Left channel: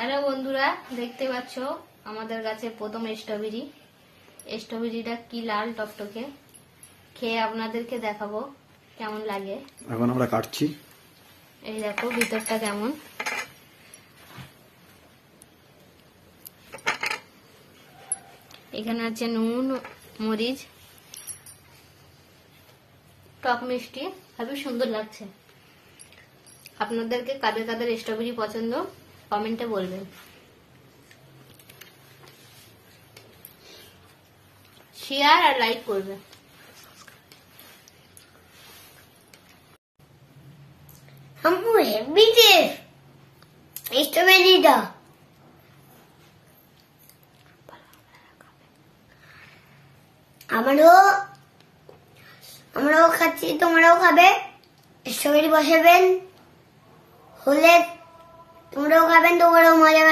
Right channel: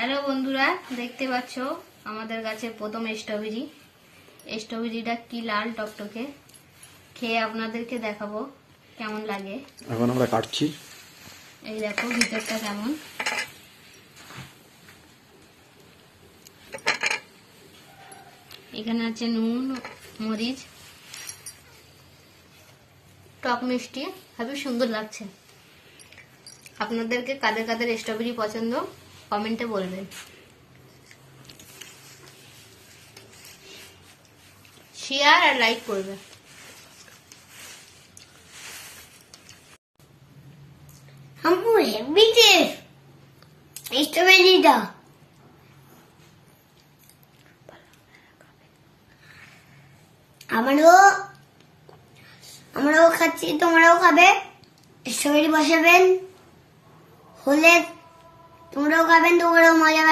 Hello বন্ধুরা দেখতে পাচ্ছ আমাদের গাছের প্রথম স্ট্রবেরি স্ট্রবেরিটা কি লাল টকটকে? খেয়ে আপনাদেরকে দেখাবো কেমন লাগে। এখন আমরা কাটছি। এই দেখো ভিতরটা কেমন। এখানে আছে নুন মরিচ। টক মিষ্টি খুবই সুন্দর লাগছে। আপনাদেরকে কাদের কাদের স্ট্রবেরি পছন্দ? কমেন্টে বলবেন। শেয়ার আর লাইক করবে। Hamburger, bitte. আমারও আমরাও খাচ্ছি তোমরাও খাবে। স্ট্রবেরি বসাবেন। হলে তোমরাও খাবেন তোমরাও মজা